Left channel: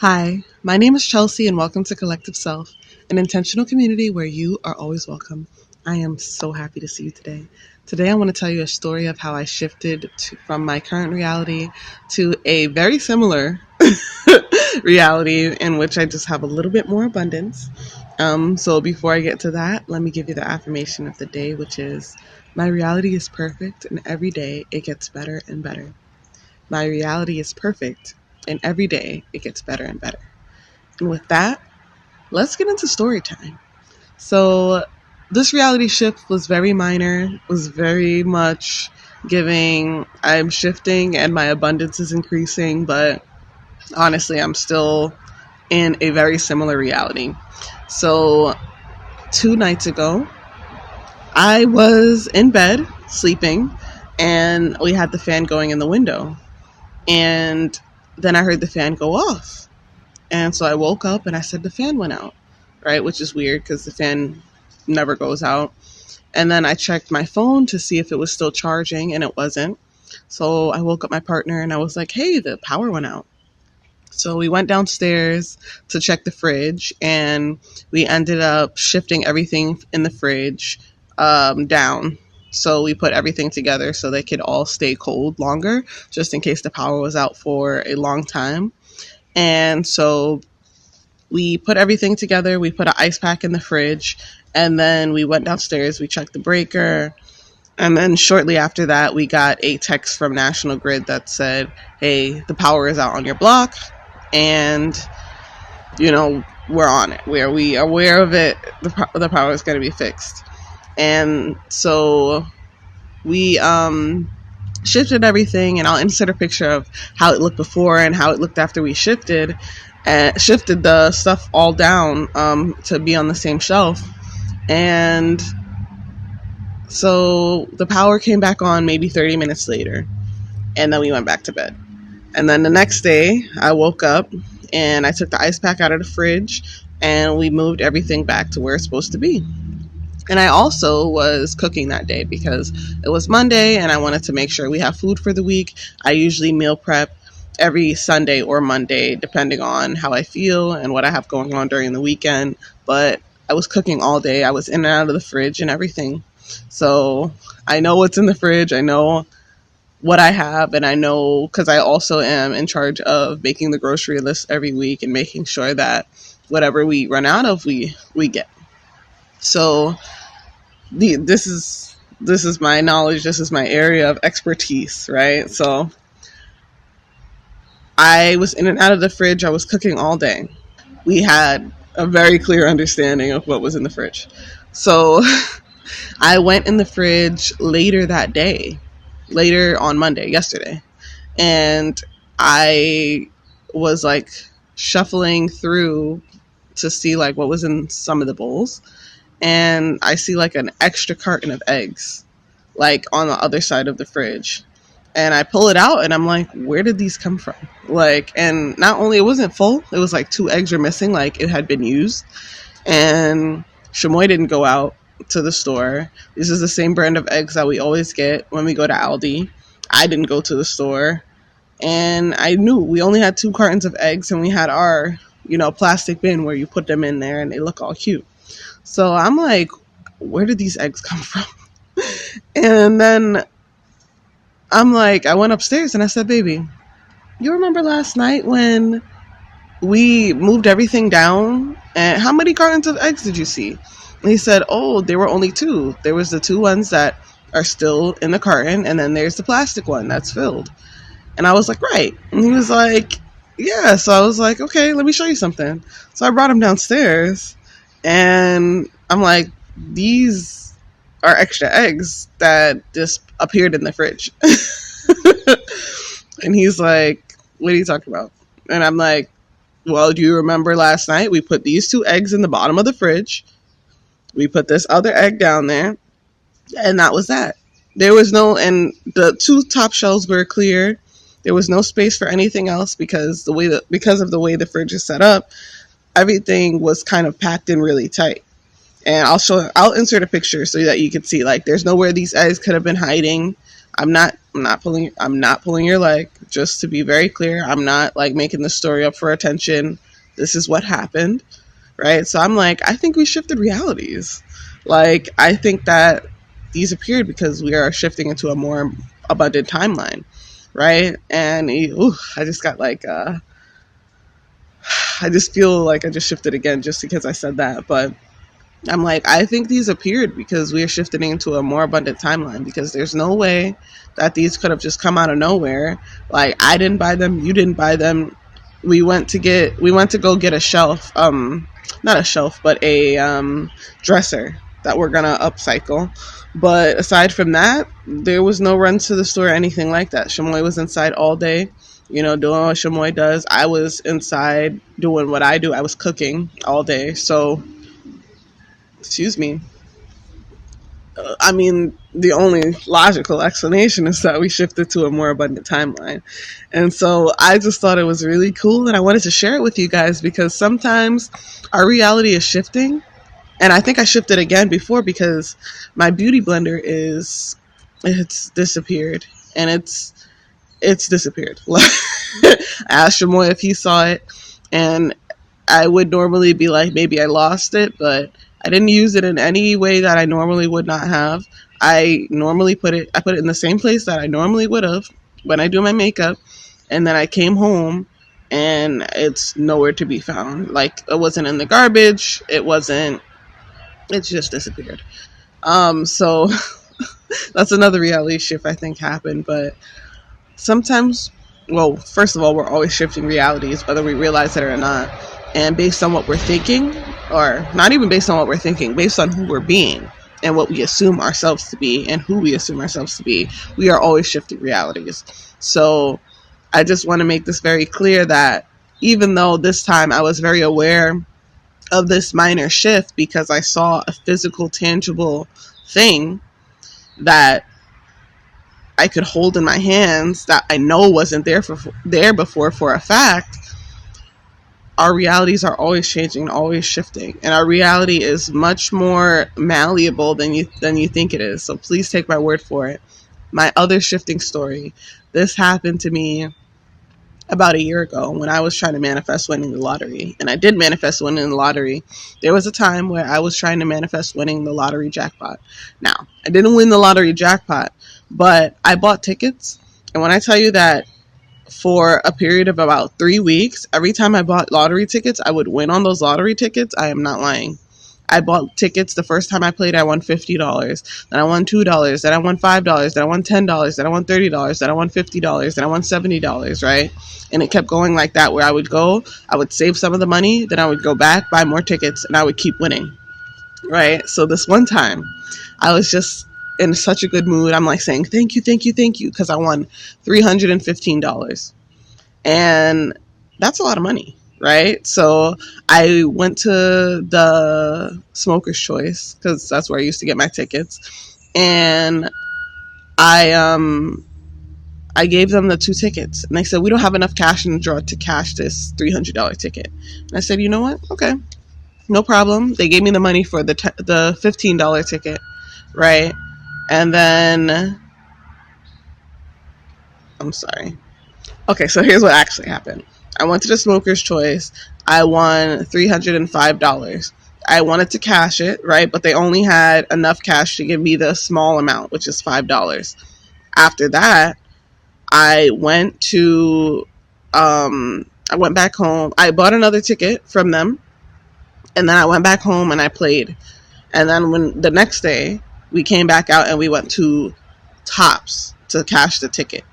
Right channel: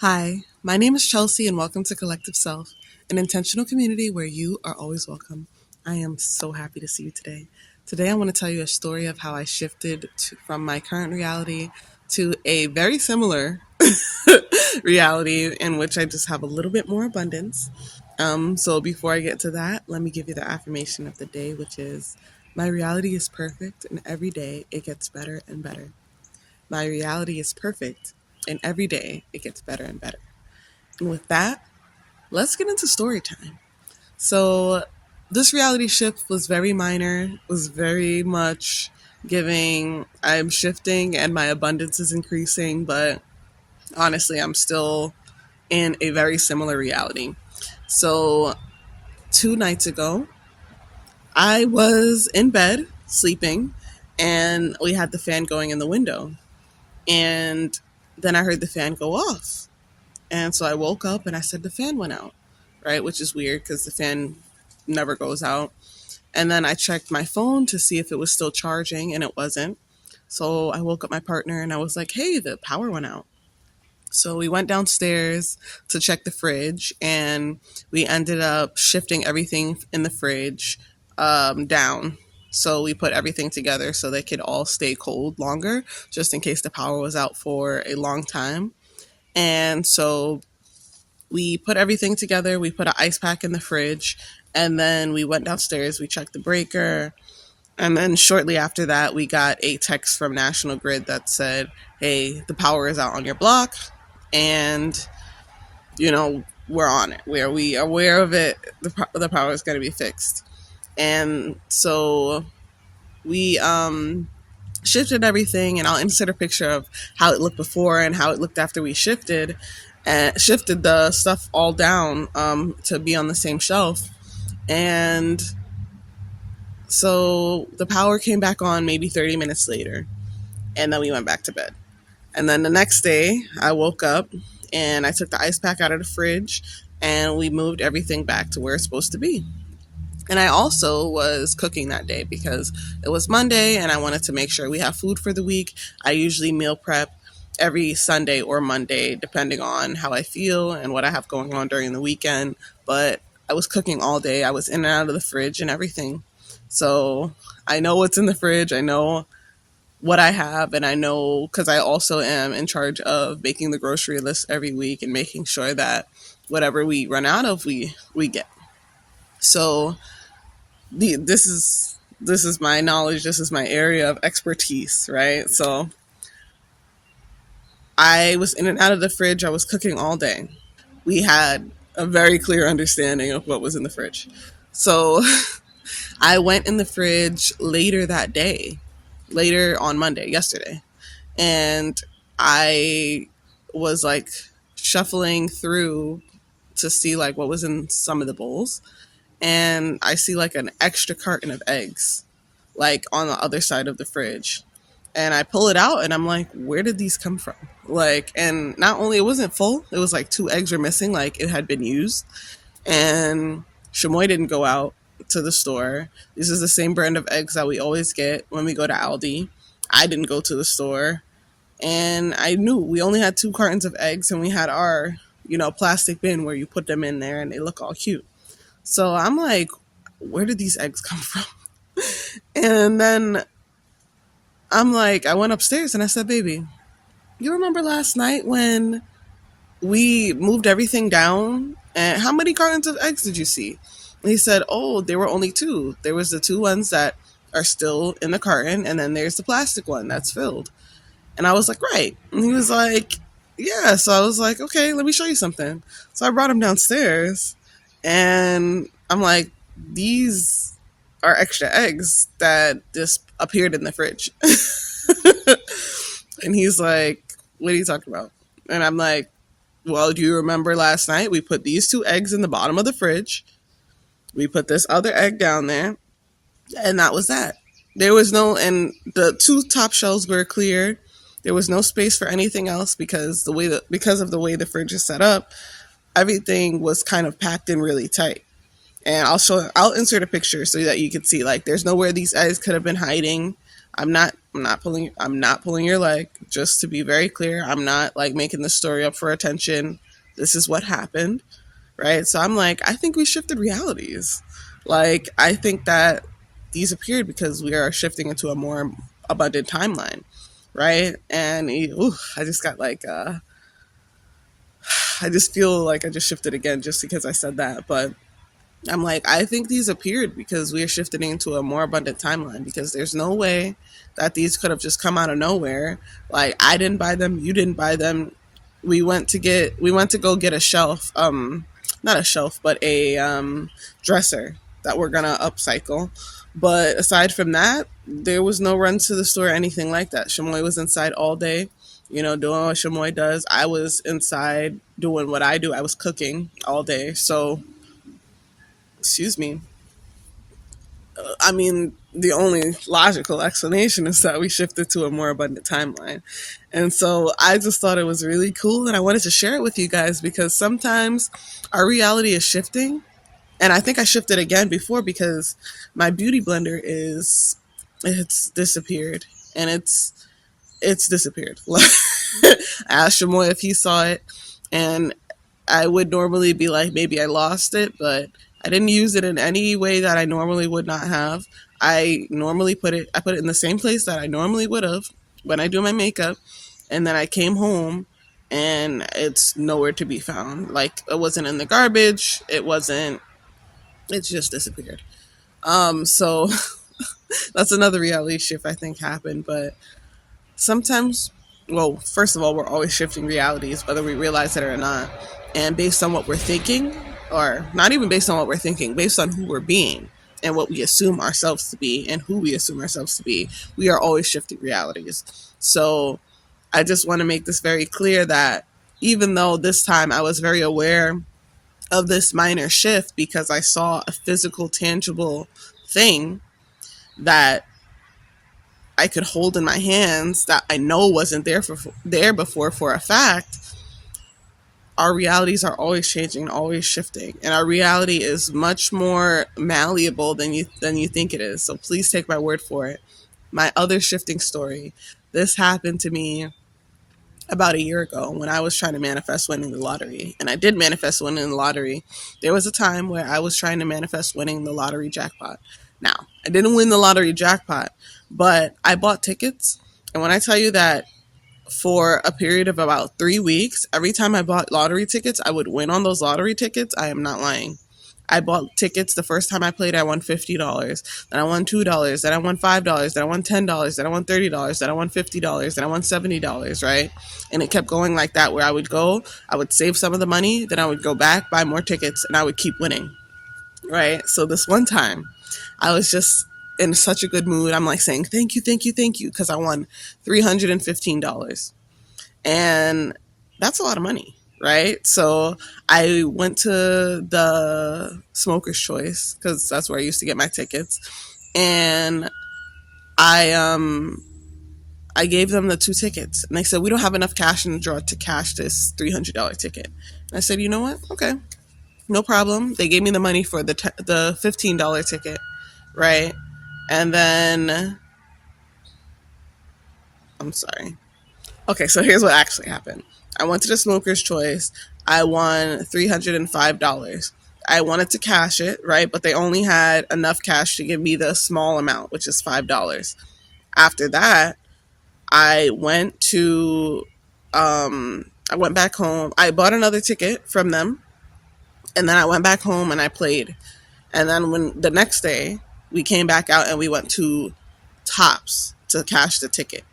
Hi, my name is Chelsea, and welcome to Collective Self, an intentional community where you are always welcome. I am so happy to see you today. Today, I want to tell you a story of how I shifted from my current reality to a very similar reality in which I just have a little bit more abundance. So, before I get to that, let me give you the affirmation of the day, which is my reality is perfect, and every day it gets better and better. My reality is perfect, and every day it gets better and better. And with that, let's get into story time. So, this reality shift was very minor, was very much giving I'm shifting and my abundance is increasing, but honestly, I'm still in a very similar reality. So, 2 nights ago, I was in bed sleeping and we had the fan going in the window. And then I heard the fan go off. And so I woke up and I said the fan went out, right? Which is weird because the fan never goes out. And then I checked my phone to see if it was still charging, and it wasn't. So I woke up my partner and I was like, hey, the power went out. So we went downstairs to check the fridge, and we ended up shifting everything in the fridge down. So we put everything together so they could all stay cold longer, just in case the power was out for a long time. And so we put everything together. We put an ice pack in the fridge, and then we went downstairs. We checked the breaker, and then shortly after that, we got a text from National Grid that said, "Hey, the power is out on your block, and we're on it. We are aware of it. The power is going to be fixed." And so we shifted everything, and I'll insert a picture of how it looked before and how it looked after we shifted the stuff all down to be on the same shelf. And so the power came back on maybe 30 minutes later, and then we went back to bed. And then the next day, I woke up and I took the ice pack out of the fridge and we moved everything back to where it's supposed to be. And I also was cooking that day because it was Monday and I wanted to make sure we have food for the week. I usually meal prep every Sunday or Monday, depending on how I feel and what I have going on during the weekend. But I was cooking all day. I was in and out of the fridge and everything. So I know what's in the fridge. I know what I have, and I know because I also am in charge of making the grocery list every week and making sure that whatever we run out of, we get. So this is my knowledge. This is my area of expertise, right? So I was in and out of the fridge. I was cooking all day. We had a very clear understanding of what was in the fridge. So I went in the fridge later that day, later on Monday, yesterday, and I was like shuffling through to see like what was in some of the bowls, and I see like an extra carton of eggs like on the other side of the fridge. And I pull it out and I'm like, where did these come from? Like, and not only it wasn't full, it was like 2 eggs were missing, like it had been used. And Shamoy didn't go out to the store. This is the same brand of eggs that we always get when we go to Aldi. I didn't go to the store. And I knew we only had 2 cartons of eggs, and we had our, plastic bin where you put them in there and they look all cute. So I'm like, where did these eggs come from? And then I'm like, I went upstairs and I said, baby, you remember last night when we moved everything down? And how many cartons of eggs did you see? And he said, oh, there were only 2. There was the 2 ones that are still in the carton, and then there's the plastic one that's filled. And I was like, right. And he was like, yeah. So I was like, okay, let me show you something. So I brought him downstairs, and I'm like, these are extra eggs that just appeared in the fridge. And he's like, what are you talking about? And I'm like, well, do you remember last night we put these 2 eggs in the bottom of the fridge? We put this other egg down there, and that was that. There was no, and the 2 top shelves were clear. There was no space for anything else because because of the way the fridge is set up, everything was kind of packed in really tight. And I'll insert a picture so that you can see, like, there's nowhere these eggs could have been hiding. I'm not I'm not pulling your leg. Just to be very clear, I'm not like making the story up for attention. This is what happened, right? So I'm like, I think we shifted realities. Like, I think that these appeared because we are shifting into a more abundant timeline, right? And I just got like, I just feel like I just shifted again just because I said that. But I'm like, I think these appeared because we are shifting into a more abundant timeline, because there's no way that these could have just come out of nowhere. Like, I didn't buy them, you didn't buy them. We went to go get a shelf, not a shelf, but a dresser that we're gonna upcycle. But aside from that, there was no run to the store or anything like that. Shamoy was inside all day, doing what Shamoy does. I was inside doing what I do. I was cooking all day. So, excuse me, I mean, the only logical explanation is that we shifted to a more abundant timeline. And so I just thought it was really cool, and I wanted to share it with you guys because sometimes our reality is shifting. And I think I shifted again before because my beauty blender it's disappeared, and it's disappeared. I asked Shamoy if he saw it, and I would normally be like, maybe I lost it, but I didn't use it in any way that I normally would not have. I put it in the same place that I normally would have when I do my makeup. And then I came home and it's nowhere to be found. Like, it wasn't in the garbage. It just disappeared. So that's another reality shift I think happened. But sometimes, well, first of all, we're always shifting realities, whether we realize it or not. And based on what we're thinking, or not even based on what we're thinking, based on who we're being and what we assume ourselves to be and who we assume ourselves to be, we are always shifting realities. So I just want to make this very clear that even though this time I was very aware of this minor shift because I saw a physical, tangible thing that I could hold in my hands that I know wasn't there before for a fact, our realities are always changing, always shifting, and our reality is much more malleable than you think it is. So please take my word for it. My other shifting story. This happened to me about a year ago when I was trying to manifest winning the lottery. And I did manifest winning the lottery. There was a time where I was trying to manifest winning the lottery jackpot. Now, I didn't win the lottery jackpot, but I bought tickets. And when I tell you that for a period of about 3 weeks, every time I bought lottery tickets, I would win on those lottery tickets, I am not lying. I bought tickets. The first time I played, I won $50. Then I won $2. Then I won $5. Then I won $10. Then I won $30. Then I won $50. Then I won $70, right? And it kept going like that, where I would save some of the money, then I would go back, buy more tickets, and I would keep winning, right? So this one time, I was just in such a good mood. I'm like saying, thank you, thank you, thank you, because I won $315. And that's a lot of money, right? So I went to the Smoker's Choice, because that's where I used to get my tickets. And I gave them the 2 tickets, and they said, we don't have enough cash in the drawer to cash this $300 ticket. And I said, you know what? Okay, no problem. They gave me the money for the $15 ticket, right? And then, I'm sorry. Okay, so here's what actually happened. I went to the Smoker's Choice. I won $305. I wanted to cash it, right? But they only had enough cash to give me the small amount, which is $5. After that, I went back home. I bought another ticket from them, and then I went back home and I played. And then when the next day, we came back out and we went to Tops to cash the ticket.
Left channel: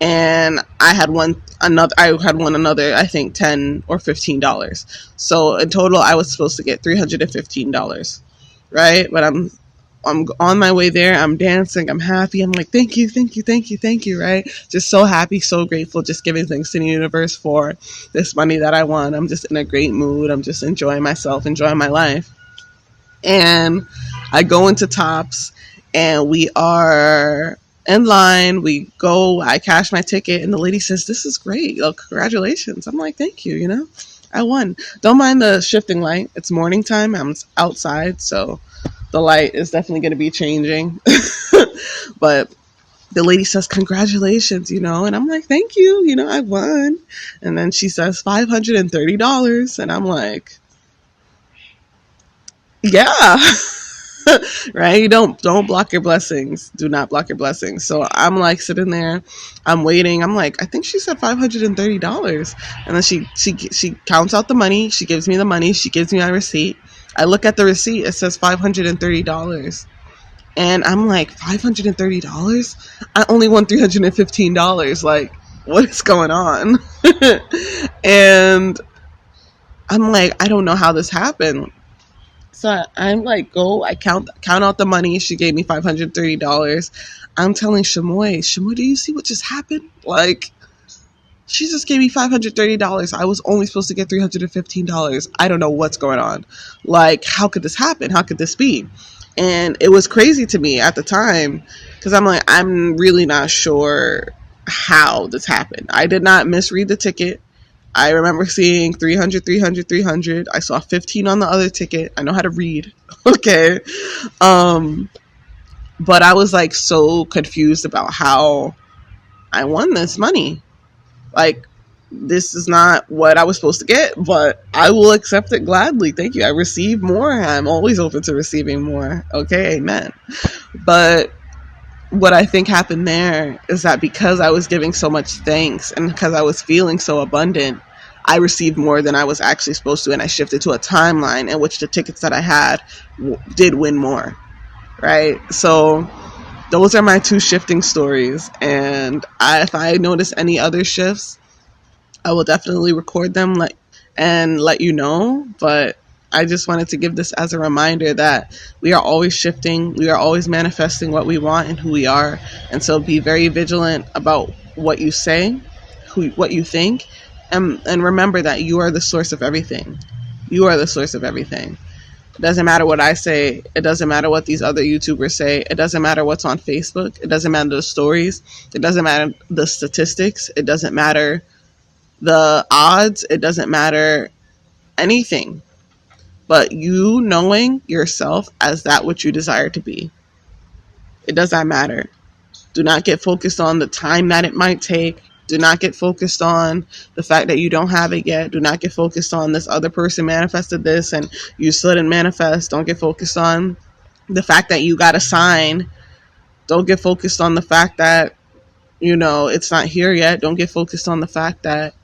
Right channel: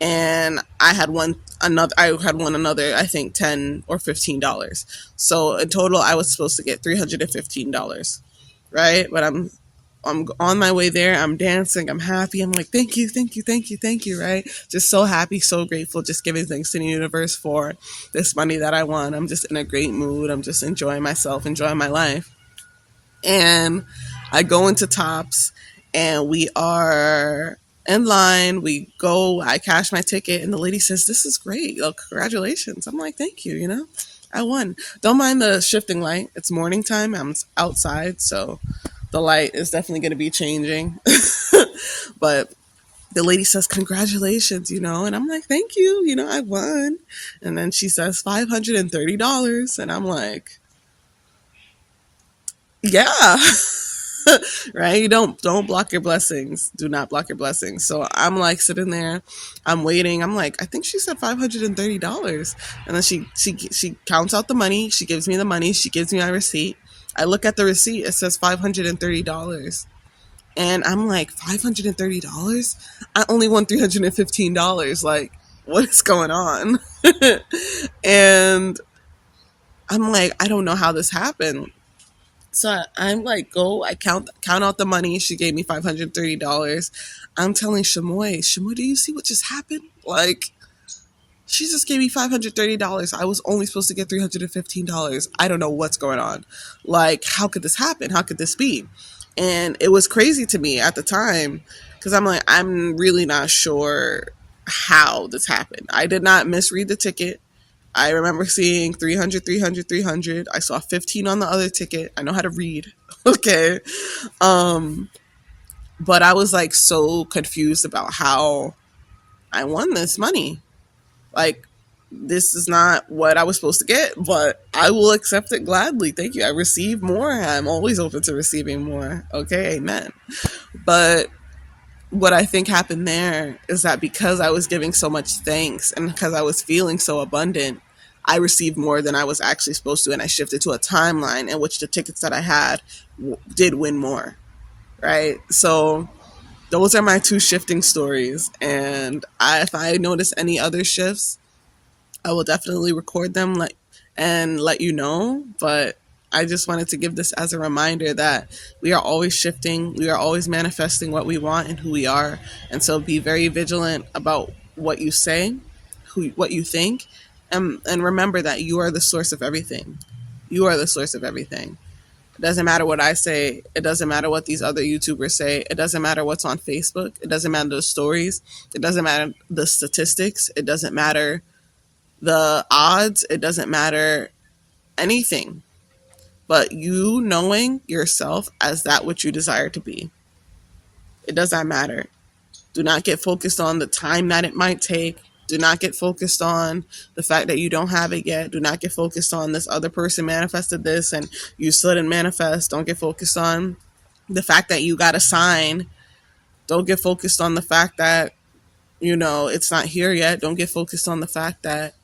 And I had won another, I think $10 or $15. So in total, I was supposed to get $315, right? But I'm on my way there. I'm dancing. I'm happy. I'm like, thank you, thank you, thank you, thank you, right? Just so happy, so grateful, just giving thanks to the universe for this money that I won. I'm just in a great mood. I'm just enjoying myself, enjoying my life. And I go into Tops, and we are in line. We go, I cash my ticket, and the lady says, this is great. Oh, congratulations. I'm like, thank you, I won. Don't mind the shifting light. It's morning time. I'm outside, so the light is definitely going to be changing. But the lady says, congratulations, and I'm like, thank you, I won. And then she says $530. And I'm like, yeah. Right? Don't block your blessings. Do not block your blessings. So I'm like sitting there, I'm waiting. I'm like, I think she said $530. And then she counts out the money. She gives me the money. She gives me my receipt. I look at the receipt. It says $530. And I'm like, $530? I only won $315. Like, what is going on? And I'm like, I don't know how this happened. So I'm like, I count out the money. She gave me $530. I'm telling Shamoy, do you see what just happened? Like, she just gave me $530. I was only supposed to get $315. I don't know what's going on. Like, how could this happen? How could this be? And it was crazy to me at the time because I'm like, I'm really not sure how this happened. I did not misread the ticket. I remember seeing 300, 300, 300. I saw 15 on the other ticket. I know how to read. Okay. But I was like so confused about how I won this money. Like, this is not what I was supposed to get, but I will accept it gladly. Thank you. I receive more. I'm always open to receiving more. Okay. Amen. But what I think happened there is that because I was giving so much thanks and because I was feeling so abundant, I received more than I was actually supposed to. And I shifted to a timeline in which the tickets that I had did win more. Right. So those are my two shifting stories. And if I notice any other shifts, I will definitely record them and let you know. But I just wanted to give this as a reminder that we are always shifting. We are always manifesting what we want and who we are. And so be very vigilant about what you say, what you think, and remember that you are the source of everything. You are the source of everything. It doesn't matter what I say. It doesn't matter what these other YouTubers say. It doesn't matter what's on Facebook. It doesn't matter the stories. It doesn't matter the statistics. It doesn't matter the odds. It doesn't matter anything. But you knowing yourself as that which you desire to be. It does not matter. Do not get focused on the time that it might take. Do not get focused on the fact that you don't have it yet. Do not get focused on this other person manifested this and you still didn't manifest. Don't get focused on the fact that you got a sign. Don't get focused on the fact that, it's not here yet. Don't get focused on the fact that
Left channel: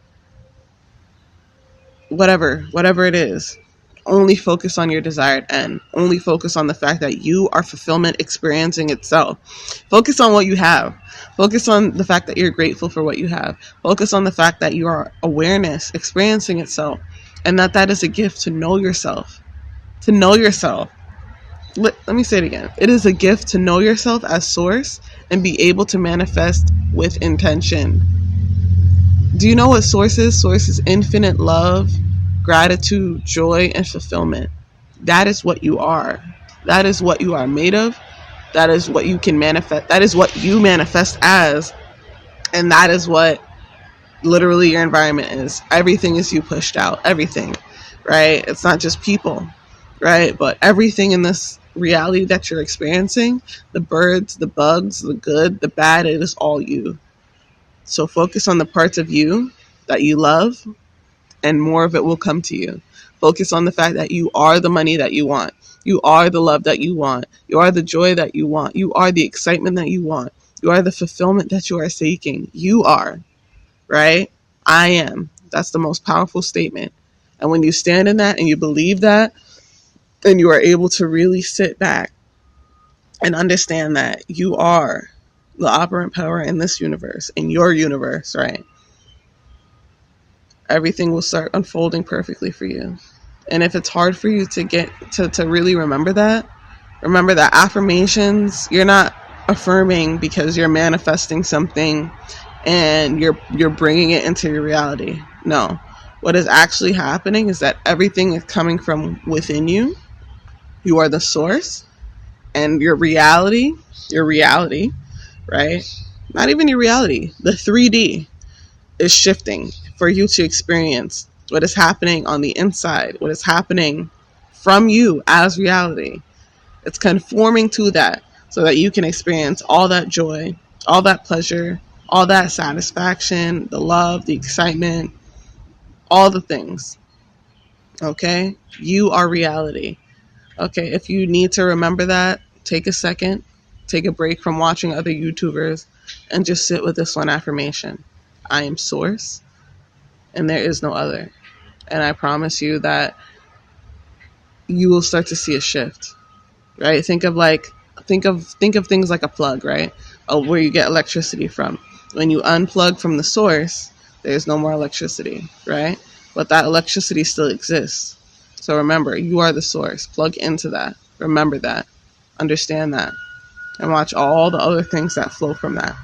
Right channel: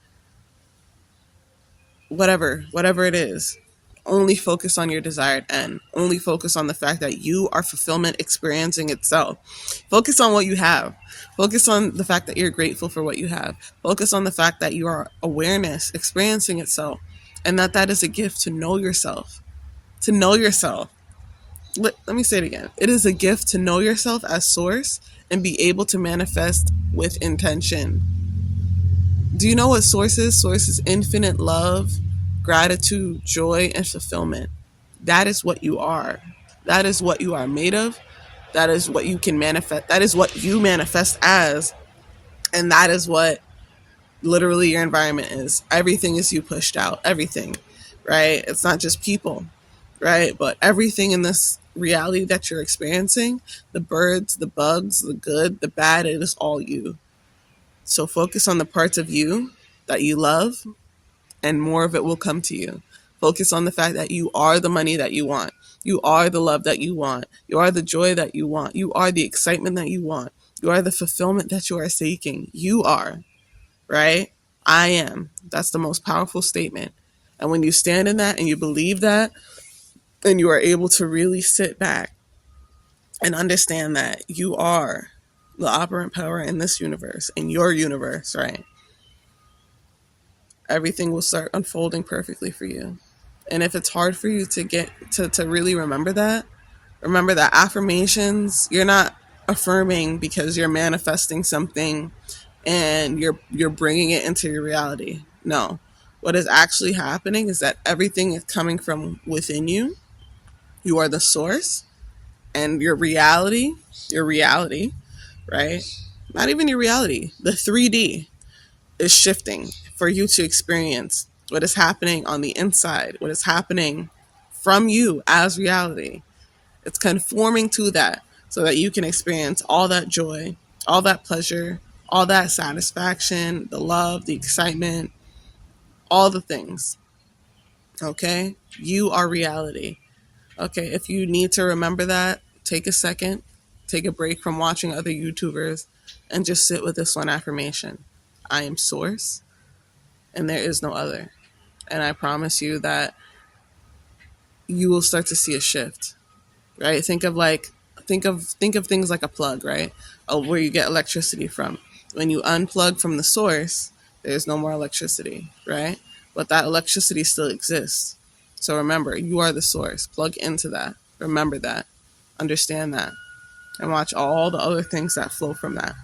whatever it is. Only focus on your desired end. Only focus on the fact that you are fulfillment experiencing itself. Focus on what you have. Focus on the fact that you're grateful for what you have. Focus on the fact that you are awareness experiencing itself. And that is a gift to know yourself. To know yourself. Let me say it again. It is a gift to know yourself as source and be able to manifest with intention. Do you know what source is? Source is infinite love, gratitude, joy, and fulfillment. That is what you are. That is what you are made of. That is what you can manifest. That is what you manifest as. And that is what literally your environment is. Everything is you pushed out. Everything, right? It's not just people, right? But everything in this reality that you're experiencing, the birds, the bugs, the good, the bad, it is all you. So focus on the parts of you that you love, and more of it will come to you. Focus on the fact that you are the money that you want. You are the love that you want. You are the joy that you want. You are the excitement that you want. You are the fulfillment that you are seeking. You are, right? I am. That's the most powerful statement. And when you stand in that and you believe that, and you are able to really sit back and understand that you are the operant power in this universe, in your universe, right? Everything will start unfolding perfectly for you. And if it's hard for you to get to really remember that affirmations, you're not affirming because you're manifesting something and you're bringing it into your reality. No. What is actually happening is that everything is coming from within you. You are the source, and your reality, right? Not even your reality, the 3D is shifting for you to experience what is happening on the inside, what is happening from you as reality. It's conforming to that so that you can experience all that joy, all that pleasure, all that satisfaction, the love, the excitement, all the things. Okay? You are reality. Okay, if you need to remember that, take a second, take a break from watching other YouTubers, and just sit with this one affirmation. I am source, and there is no other. And I promise you that you will start to see a shift. Right? Think of things like a plug, right? Where you get electricity from. When you unplug from the source, there's no more electricity, right? But that electricity still exists. So remember, you are the source. Plug into that. Remember that. Understand that. And watch all the other things that flow from that.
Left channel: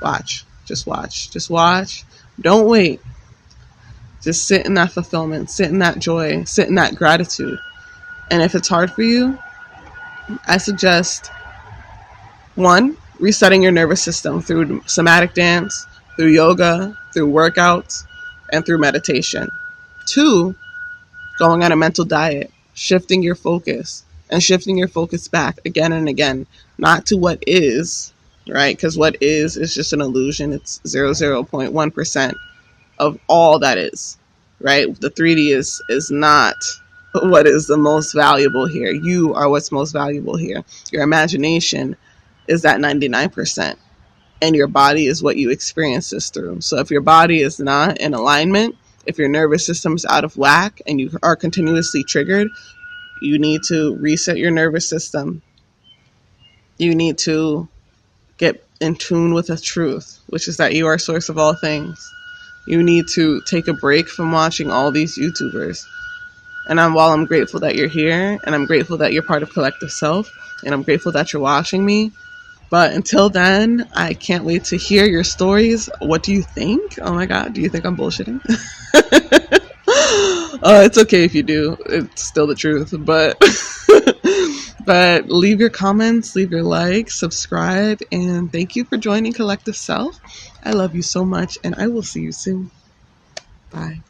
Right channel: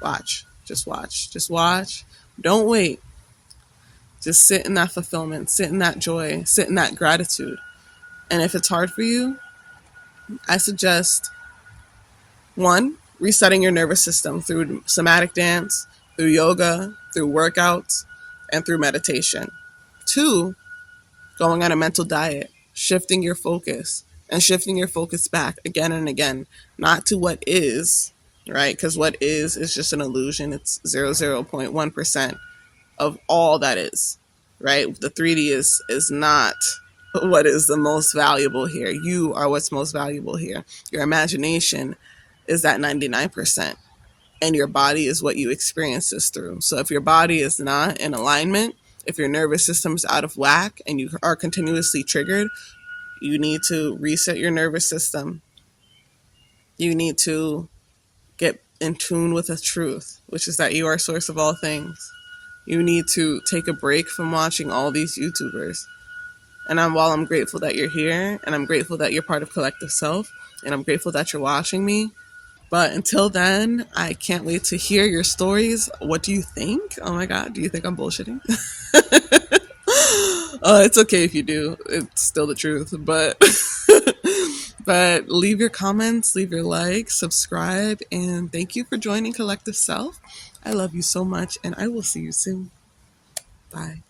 Watch. Just watch. Just watch. Don't wait. Just sit in that fulfillment. Sit in that joy. Sit in that gratitude. And if it's hard for you, I suggest, one, resetting your nervous system through somatic dance, through yoga, through workouts, and through meditation. Two, going on a mental diet, shifting your focus and shifting your focus back again and again, not to what is, right? Because what is just an illusion. It's 0.1% of all that is, right? The 3D is not what is the most valuable here. You are what's most valuable here. Your imagination is that 99%. And your body is what you experience this through. So if your body is not in alignment, if your nervous system is out of whack and you are continuously triggered, you need to reset your nervous system. You need to get in tune with the truth, which is that you are a source of all things. You need to take a break from watching all these YouTubers. And while I'm grateful that you're here, and I'm grateful that you're part of Collective Self, and I'm grateful that you're watching me, but until then, I can't wait to hear your stories. What do you think? Oh my God, do you think I'm bullshitting? It's okay if you do. It's still the truth. But leave your comments, leave your likes, subscribe, and thank you for joining Collective Self. I love you so much, and I will see you soon. Bye.